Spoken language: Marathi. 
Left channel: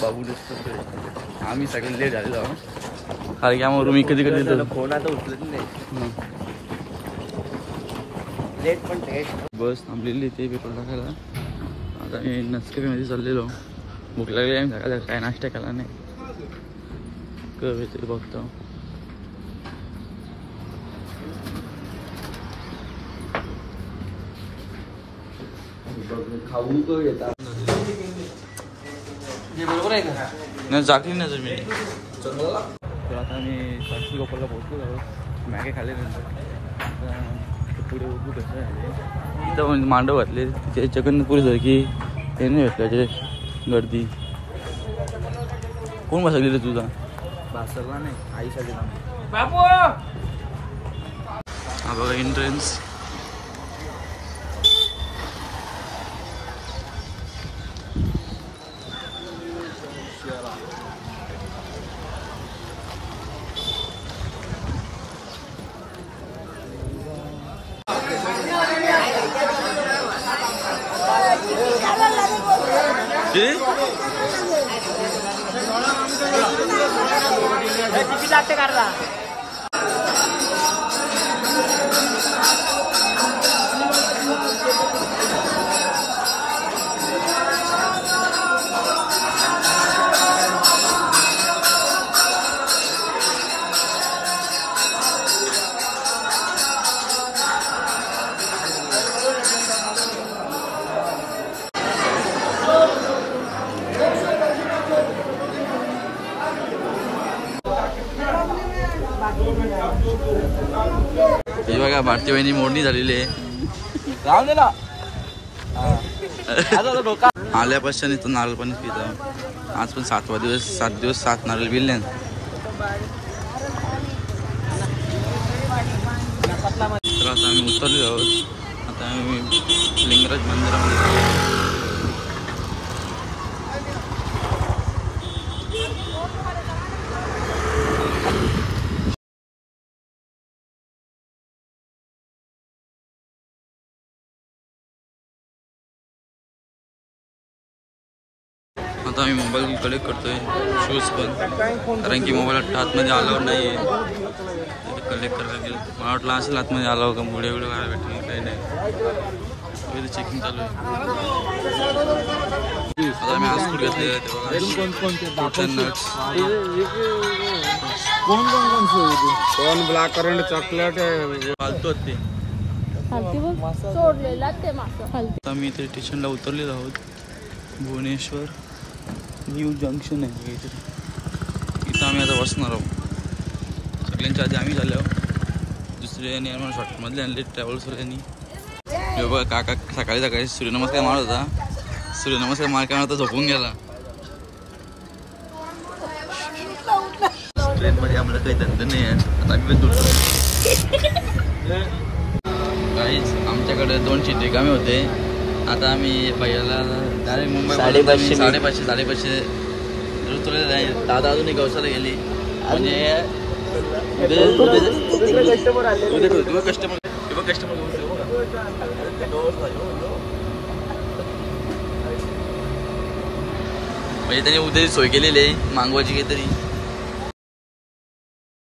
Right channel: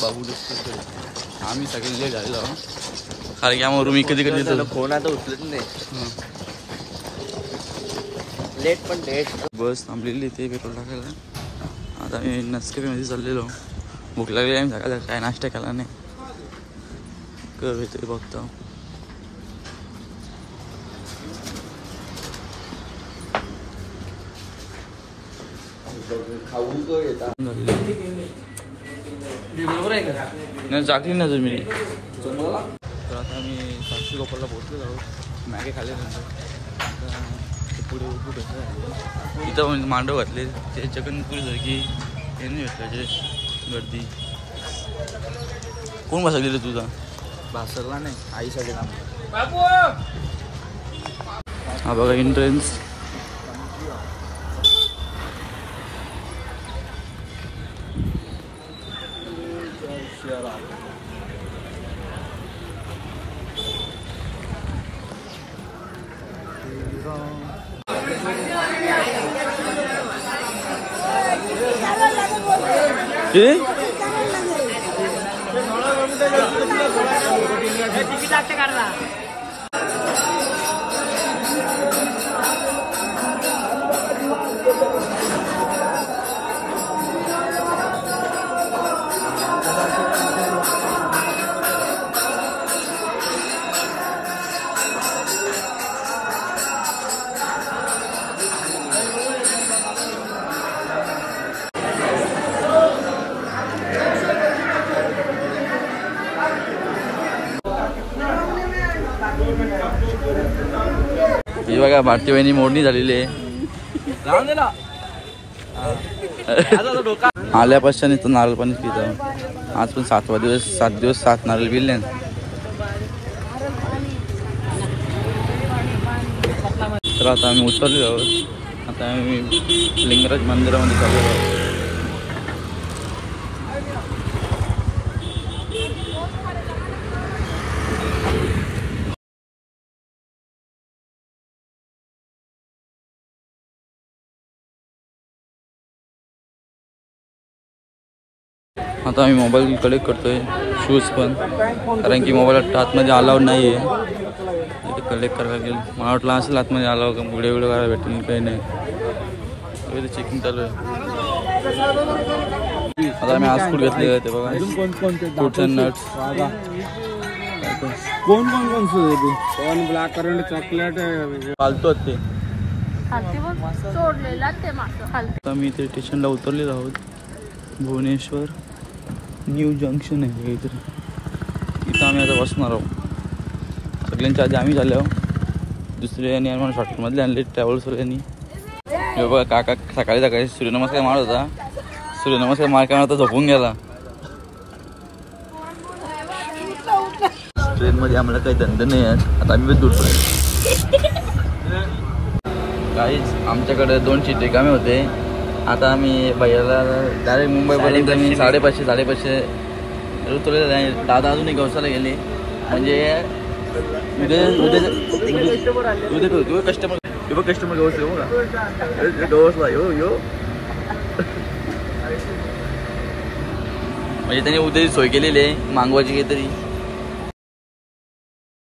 बाबू दिसतो आम्ही सगळे लेट झालेलो कारण की आम्हाला रूम कधी कधी देतो फोन आता उचलत नाही लेट पण लेट बस थांबलेली ते पेट्रोल टाकायला आता मी नसकरीमध्ये चाललेलो भूक लागली आम्ही सकाळचा काय नाश्ता केला नाही कर तरी बघतो खाऊ तो येतात नाही जागली ना जमिनी तर आता आम्ही सासू गोपालला पोहोचलो आहोत मॅगे खाल्ल्यानंतर आता पुढे उभू कसं आहे इथं म्हणजे मांडव घातले त्याच्याकडनं पुढे जर की हे नाही त्याचे गर्दी कोण बसवली रे तुझा भासरला नाही आईसाठी हा बघा एंट्रन्स ही बघा भारती बहिणी मोडणी झालेली आहे आल्यापासून इथं नारळ पाणी पितो आज पण 7वा दिवस 7 दिवस 7 नारळ पिले तर आता आम्ही उतरलेलो आहोत आता आम्ही लिंगराज मंदिरामध्ये चाललेलो आहोत आता आम्ही मोबाईल कलेक्ट करतोय शूज पण कारण की मोबाईल आतमध्ये अलाउड नाही आहे इथे कलेक्ट करायला लागेल मला वाटलं असेल आतमध्ये अलाव का पुढे व्हिडिओ करायला भेटेल काही नाही चेकिंग चालू आहे आता आम्ही आज फूड घेतलेलं आहे ते बघा फ्रुट्स अँड नट्स कोण ब्लॅक करंट चॉकलेट फालतू ते आता मी इथे स्टेशनला उतरलेलो आहोत भुवनेश्वर न्यू जंक्शन आहे काहीतरी इथं आम्ही आता बसणार आहोत सगळ्यांच्या आधी आम्ही झालो दुसरे यांनी आम्हाला शॉर्टमधले आणले ट्रॅव्हल्सवर यांनी हे बघा काका सकाळी सकाळी सूर्यनमस्कार मारत होता सूर्यनमस्कार मारल्यानंतर झोपून गेला ट्रेनमध्ये आम्हाला काही धंदे नाही आहेत आता आम्ही दुटतोय काहीच आमच्याकडे 2 सीट रिकामे होते आता आम्ही भैयाला डायरेक्ट मुंबईपर्यंत आम्ही 550 उतरलेलं आहे दादा अजून गवसाला गेले म्हणजे कस्टमर गवसला म्हणजे त्यांनी उद्या सोय केलेली आहे मागवायची काहीतरी